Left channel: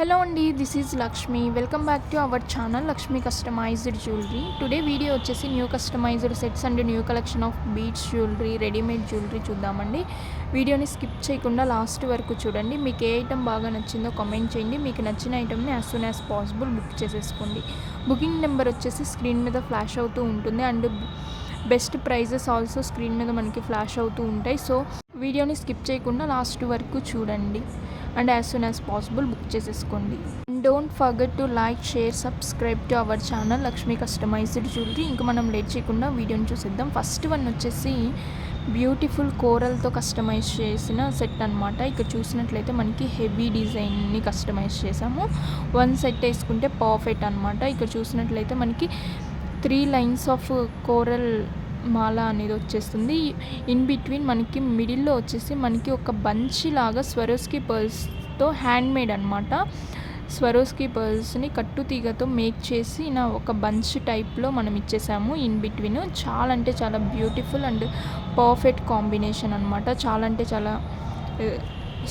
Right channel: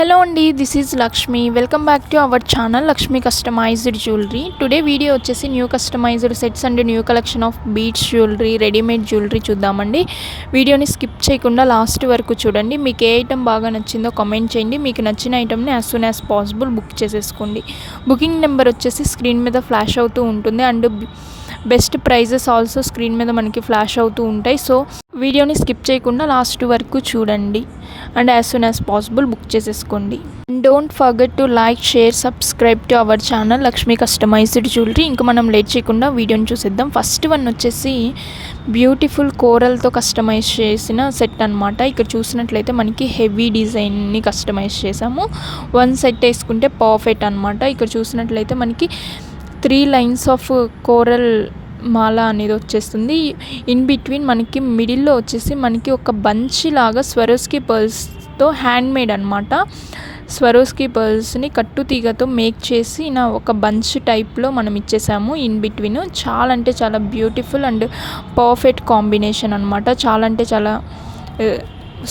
Hello అండి, this is Lakshmi. Welcome back to our channel Lakshmi customised jewellery. Today video వచ్చేసి new customised sets and new collection of beads jewellery, readymade jewellery చూద్దామండి. వీడియోని skip చేయకుండా last వరకు చూడండి. మీకు ఏ item బాగా నచ్చిందో కామెంట్ చేయండి. మీకు నచ్చిన ఐటమ్ని as soon as possible book చేసేసుకోండి. బుకింగ్ నెంబర్ వచ్చేసి స్క్రీన్ మీద ఫ్లాష్ అవుతూ ఉంటుంది and best prices also screen మీద మనకి ఫ్లాష్ అవుతూ ఉంటాయి. సో వీడియోని స్కిప్ చేయకుండా లాస్ట్ వరకు చూడండి and as soon as possible book చేసేసుకోండి. Don't forget to like, share, subscribe to our channel Lakshmi customised jewellery. ఇంకా మనం లేట్ చేయకుండా వీడియోని చూసేద్దాం. ఫస్ట్ వన్ వచ్చేసి బ్యూటిఫుల్ కోరల్తో కస్టమైజ్ చేసిన సెట్ అనమాట. ఇక్కడ చూసినట్లయితే మనకి హెవీ డిజైన్ని కస్టమైజ్ చేసాము. వన్ సెట్ వేసుకుంటే పర్ఫెక్ట్ అనమాట. ఇక్కడ చూసినట్లయితే మనకి 3 లైన్స్ ఆఫ్ కోరల్ మాల అనేది వచ్చేస్తుంది. ఇన్ బిట్వీన్ మనకి మిడిల్లో వచ్చేసి మనకి ఒక బంచ్ లాగా స్వరోస్కి పర్ల్స్తో హ్యాండ్ మేడ్ అనమాట. స్వరోస్కి పర్ల్స్ని కట్టు తీగతో మేక్ చేసి ఒక బంచ్ టైప్లో మనం ఇచ్చేసాము ఇన్ బిట్వీన్. చాలా అంటే చాలా బ్యూటిఫుల్ అండ్ పర్ఫెక్ట్ కాంబినేషన్ అనమాట. చాలా అంటే చాలా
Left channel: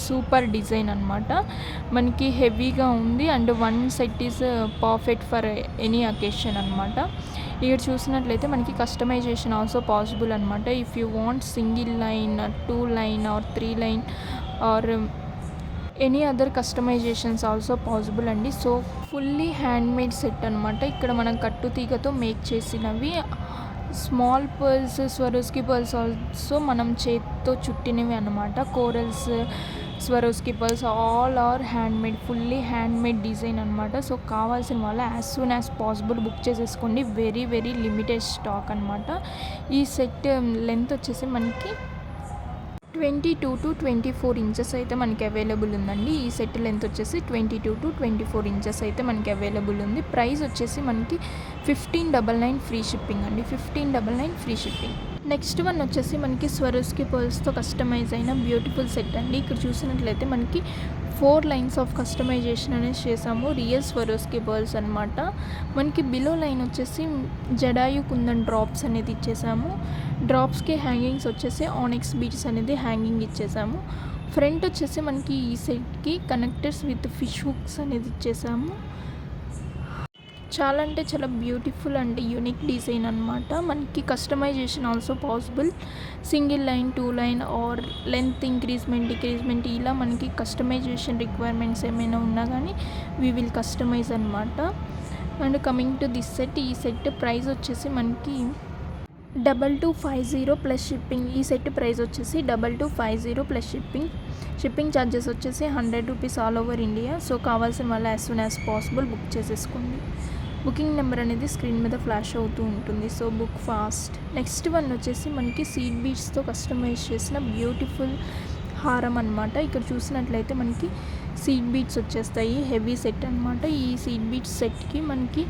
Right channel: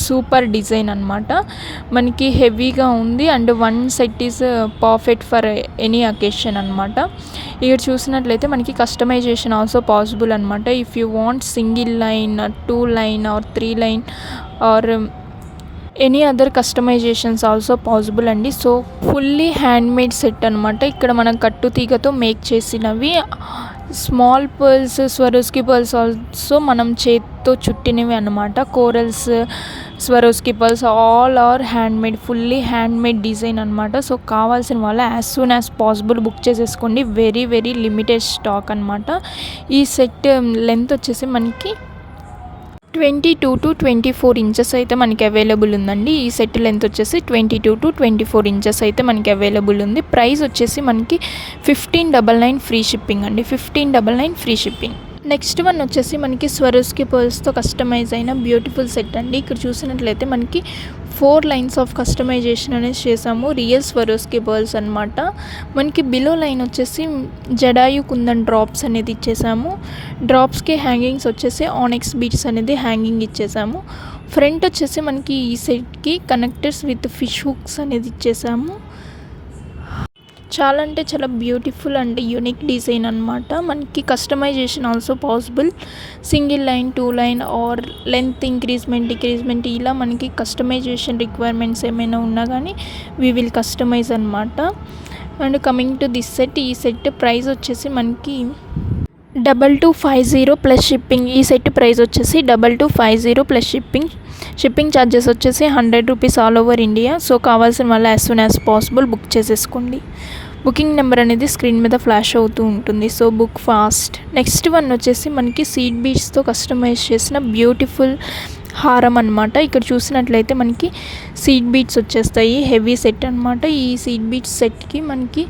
సూపర్ డిజైన్ అనమాట. మనకి హెవీగా ఉంది and one set is perfect for any occasion అనమాట. ఇక్కడ చూసినట్లయితే మనకి కస్టమైజేషన్ ఆల్సో పాసిబుల్ అనమాట. If you want single line, 2 line or 3 line or any other customisations also possible అండి. So fully handmade set అనమాట. ఇక్కడ మనం కట్టు తీగతో మేక్ చేసినవి. Small pearls, Swarovski pearls also మనం చేతితో చుట్టినవి అనమాట. Corals, Swarovski pearls all are handmade, fully handmade design అనమాట. సో కావాల్సిన వాళ్ళు as soon as possible book చేసేసుకోండి. వెరీ వెరీ లిమిటెడ్ స్టాక్ అనమాట. ఈ సెట్ లెంత్ వచ్చేసి మనకి 22 to 24 ఇంచెస్ అయితే మనకి అవైలబుల్ ఉందండి. ఈ సెట్ లెంత్ వచ్చేసి 22 to 24 ఇంచెస్ అయితే మనకి అవైలబుల్ ఉంది. ప్రైస్ వచ్చేసి మనకి 1599 ఫ్రీ షిప్పింగ్ అండి. 1599 ఫ్రీ షిప్పింగ్. నెక్స్ట్ వన్ వచ్చేసి మనకి స్వరోస్కి పర్ల్స్తో కస్టమైజ్ అయిన బ్యూటిఫుల్ సెట్ అండి. ఇక్కడ చూసినట్లయితే మనకి 4 లైన్స్ ఆఫ్ కస్టమైజేషన్ అనేది చేసాము. రియల్ స్వరోస్కి పర్ల్స్ అనమాట. మనకి బిలో లైన్ వచ్చేసి జడాయు కుందన్ డ్రాప్స్ అనేది ఇచ్చేసాము. డ్రాప్స్కి హ్యాంగింగ్స్ వచ్చేసి ఆనెక్స్ బీడ్స్ అనేది హ్యాంగింగ్ ఇచ్చేసాము. ఫ్రంట్ వచ్చేసి మనకి ఈ సెట్కి కనెక్టర్స్ విత్ ఫిష్ హుక్స్ అనేది ఇచ్చేసాము. చాలా అంటే చాలా బ్యూటిఫుల్ అండ్ యూనిక్ డిజైన్ అనమాట. మనకి customisation also possible. Single line, 2 line or length increasement, decreasement ఇలా మనకి కస్టమైజేషన్ రిక్వైర్మెంట్స్ ఏమైనా ఉన్నా కానీ వీ విల్ కస్టమైజ్ అనమాట. And coming to this set, ఈ సెట్ ప్రైస్ వచ్చేసి మనకి 2250 ప్లస్ షిప్పింగ్. ఈ సెట్ ప్రైస్ వచ్చేసి 2250 ప్లస్ షిప్పింగ్. షిప్పింగ్ ఛార్జెస్ వచ్చేసి 100 rupees all over India. So కావాల్సిన వాళ్ళు as soon as possible book చేసేసుకోండి. బుకింగ్ నెంబర్ అనేది స్క్రీన్ మీద ఫ్లాష్ అవుతూ ఉంటుంది. So book fast. Next one వచ్చేసి మనకి సీడ్ బీడ్స్తో కస్టమైజ్ చేసిన బ్యూటిఫుల్ హారం అనమాట. ఇక్కడ చూసినట్లయితే మనకి సీడ్ బీడ్స్ వచ్చేస్తాయి. హెవీ సెట్ అనమాట. ఈ సీడ్ బీడ్స్ సెట్కి మనకి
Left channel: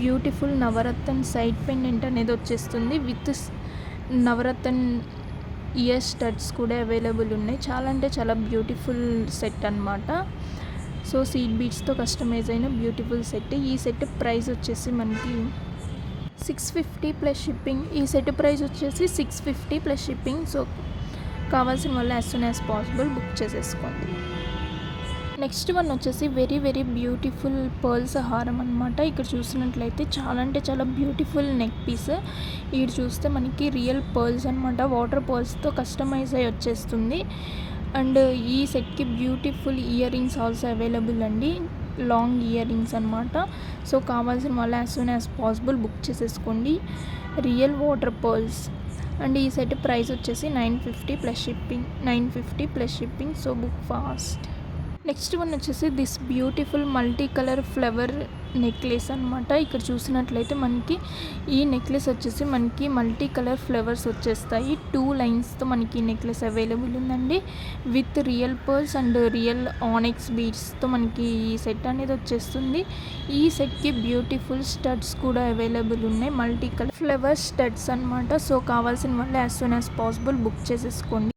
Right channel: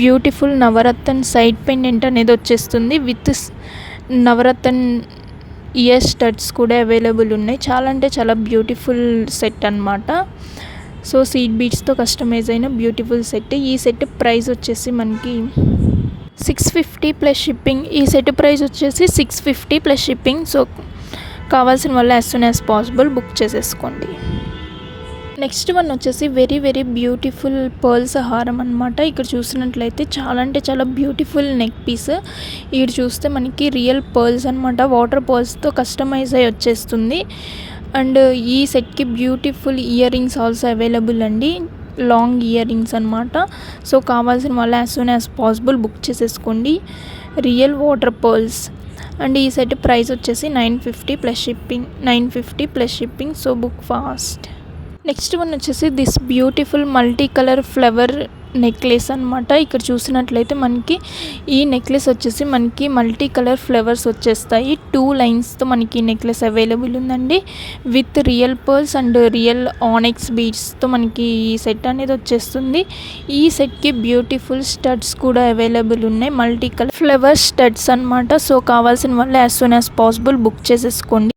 బ్యూటిఫుల్ నవరత్న సైడ్ పెండెంట్ అనేది వచ్చేస్తుంది. విత్ నవరత్న ఇయర్ స్టడ్స్ కూడా అవైలబుల్ ఉన్నాయి. చాలా అంటే చాలా బ్యూటిఫుల్ సెట్ అనమాట. సో సీడ్ బీడ్స్తో కస్టమైజ్ అయిన బ్యూటిఫుల్ సెట్. ఈ సెట్ ప్రైస్ వచ్చేసి మనకి 650 ప్లస్ షిప్పింగ్. ఈ సెట్ ప్రైస్ వచ్చేసి 650 ప్లస్ షిప్పింగ్. సో కావాల్సిన వాళ్ళు as soon as possible book చేసేసుకోండి. నెక్స్ట్ వన్ వచ్చేసి వెరీ వెరీ బ్యూటిఫుల్ పర్ల్స్ హారం అనమాట. ఇక్కడ చూసినట్లయితే చాలా అంటే చాలా బ్యూటిఫుల్ నెక్ పీస్. ఇక్కడ చూస్తే మనకి రియల్ పర్ల్స్ అనమాట. వాటర్ పర్ల్స్తో కస్టమైజ్ అయ్యి వచ్చేస్తుంది. అండ్ ఈ సెట్కి beautiful earrings also available అండి. లాంగ్ ఇయర్ రింగ్స్ అనమాట. సో కావాల్సిన వాళ్ళు as soon as possible book చేసేసుకోండి. Real water pearls. అండ్ ఈ సెట్ ప్రైస్ వచ్చేసి 950 plus shipping. 950 plus shipping. So book fast. Next one వచ్చేసి this beautiful multi colour flower necklace అనమాట. ఇక్కడ చూసినట్లయితే మనకి ఈ నెక్లెస్ వచ్చేసి మనకి మల్టీ కలర్ ఫ్లవర్స్ వచ్చేస్తాయి. 2 లైన్స్తో మనకి ఈ నెక్లెస్ అవైలబుల్ ఉందండి. With real pearls and real onyx బీడ్స్తో మనకి ఈ సెట్ అనేది వచ్చేస్తుంది. ఈ సెట్కి బ్యూటిఫుల్ స్టడ్స్ కూడా అవైలబుల్ ఉన్నాయి. మల్టీ కలర్ ఫ్లవర్ స్టడ్స్ అనమాట. సో కావాల్సిన వాళ్ళు as soon as possible book చేసేసుకోండి.